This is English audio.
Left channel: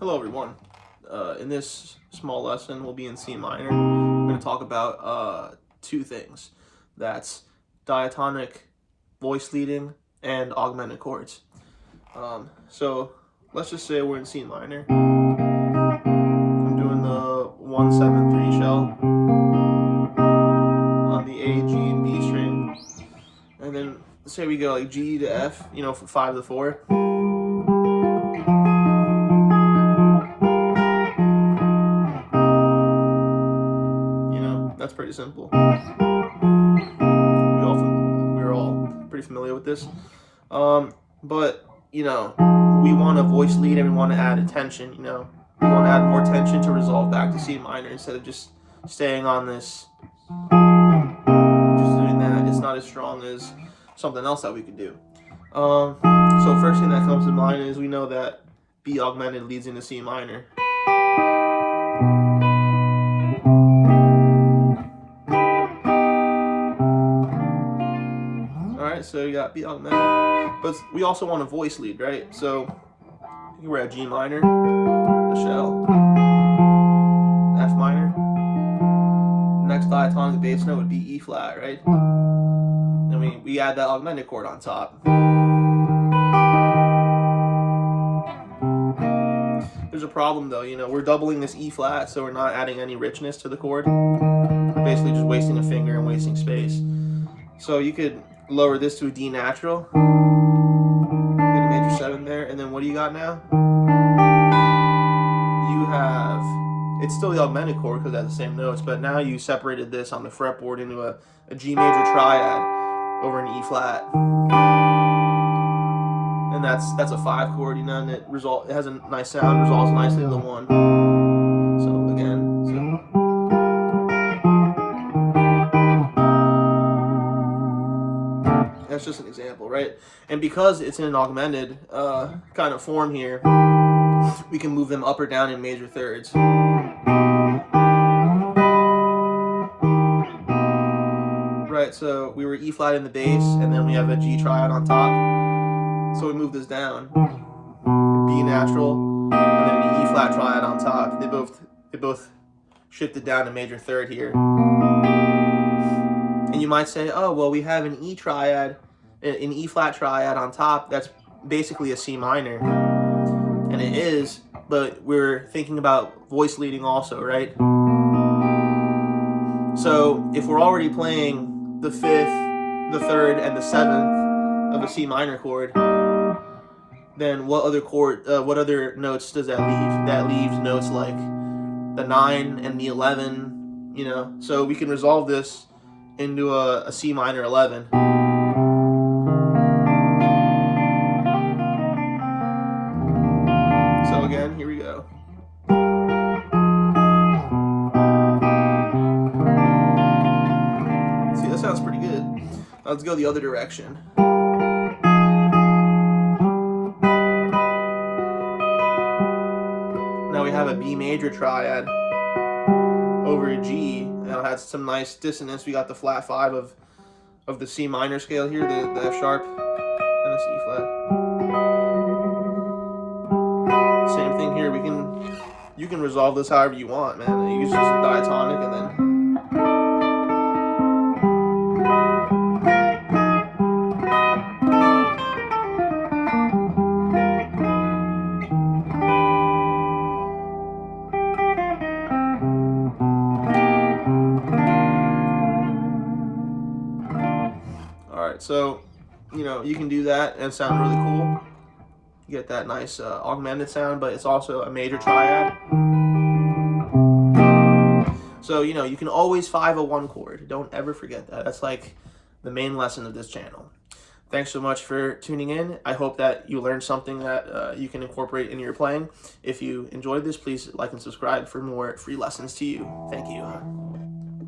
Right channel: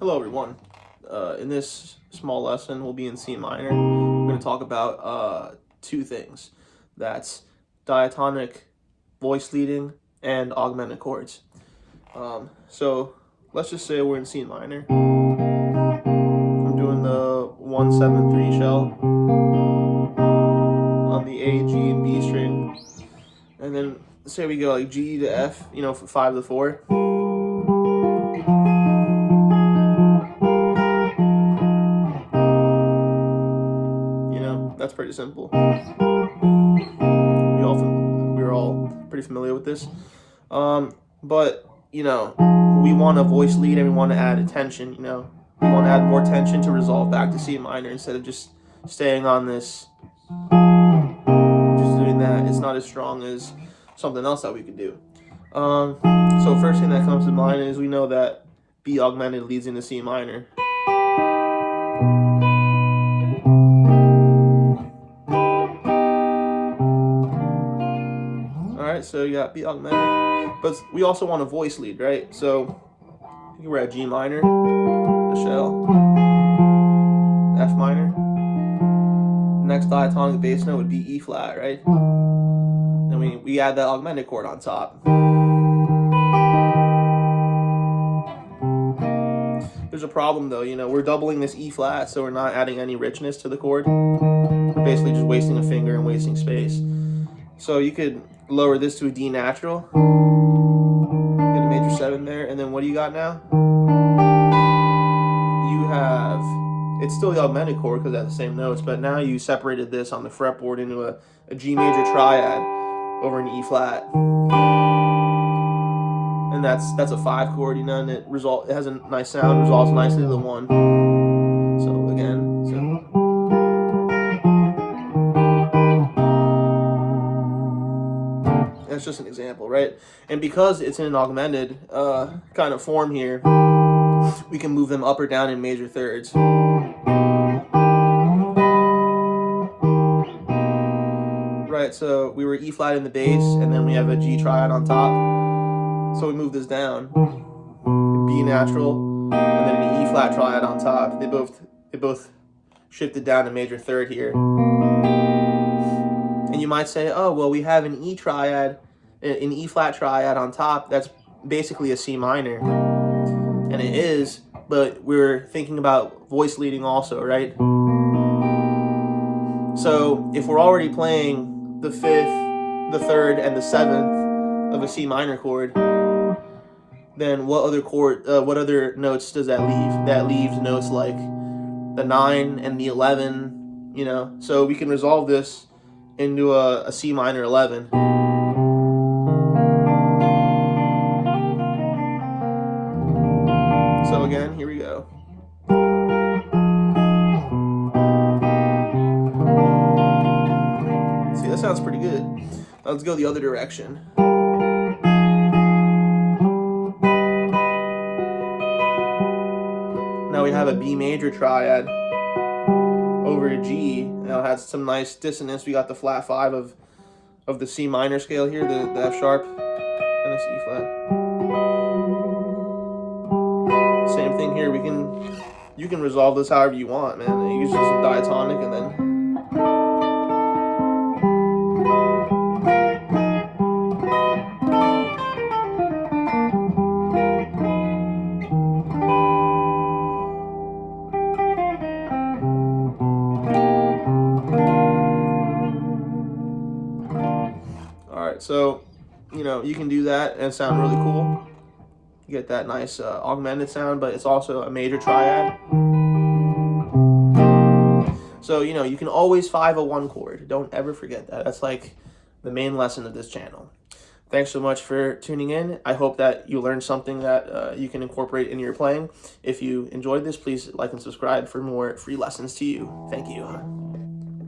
Hello everyone. In this small lesson, we'll be in C minor. We're going to talk about two things. That's diatonic voice leading and augmented chords. So let's just say we're in C minor. I'm doing the 1-7-3 shell on the A, G, and B string. And then say we go like G to F, for 5 to 4. That's pretty simple. We're all pretty familiar with this. But we want a voice lead and we want to add attention. We want to add more tension to resolve back to C minor instead of just staying on this. Just doing that, it's not as strong as something else that we could do. So first thing that comes to mind is we know that B augmented leads into C minor. Alright, so you got B augmented, but we also want a voice lead, right? So we're at G minor, the shell, F minor. The next diatonic bass note would be E flat, right? Then we add that augmented chord on top. There's a problem though, we're doubling this E flat, so we're not adding any richness to the chord. We're basically just wasting a finger and wasting space. So you could lower this to a D natural, get a major 7 there, and then what do you got now? You have, it's still the augmented chord because it has the same notes, but now you separated this on the fretboard into a G major triad over an E flat. And that's a 5 chord, and it has a nice sound, resolves nicely to the 1. So again, that's just an example, right? And because it's in an augmented kind of form here, we can move them up or down in major thirds. Right, so we were E flat in the bass, and then we have a G triad on top. So we move this down, B natural, and then an E flat triad on top. They both shifted down to major third here. And you might say, oh, well, we have an E triad, an E flat triad on top. That's basically a C minor. And it is, but we're thinking about voice leading also, right? So if we're already playing the 5th, the 3rd, and the 7th of a C minor chord, then what other notes does that leave? That leaves notes like the 9 and the 11, So we can resolve this into a C minor 11. So again, here we go. See, that sounds pretty good. Let's go the other direction. Now we have a B major triad over a G. Now it has some nice dissonance. We got the flat 5 of the C minor scale here, the F sharp, and the C flat. Same thing here. You can resolve this however you want, man. You use just a diatonic and then. Alright, so, you can do that and sound really cool. You get that nice augmented sound, but it's also a major triad. So, you can always 5-1 chord. Don't ever forget that. That's like the main lesson of this channel. Thanks so much for tuning in. I hope that you learned something that you can incorporate in your playing. If you enjoyed this, please like and subscribe for more free lessons to you. Thank you.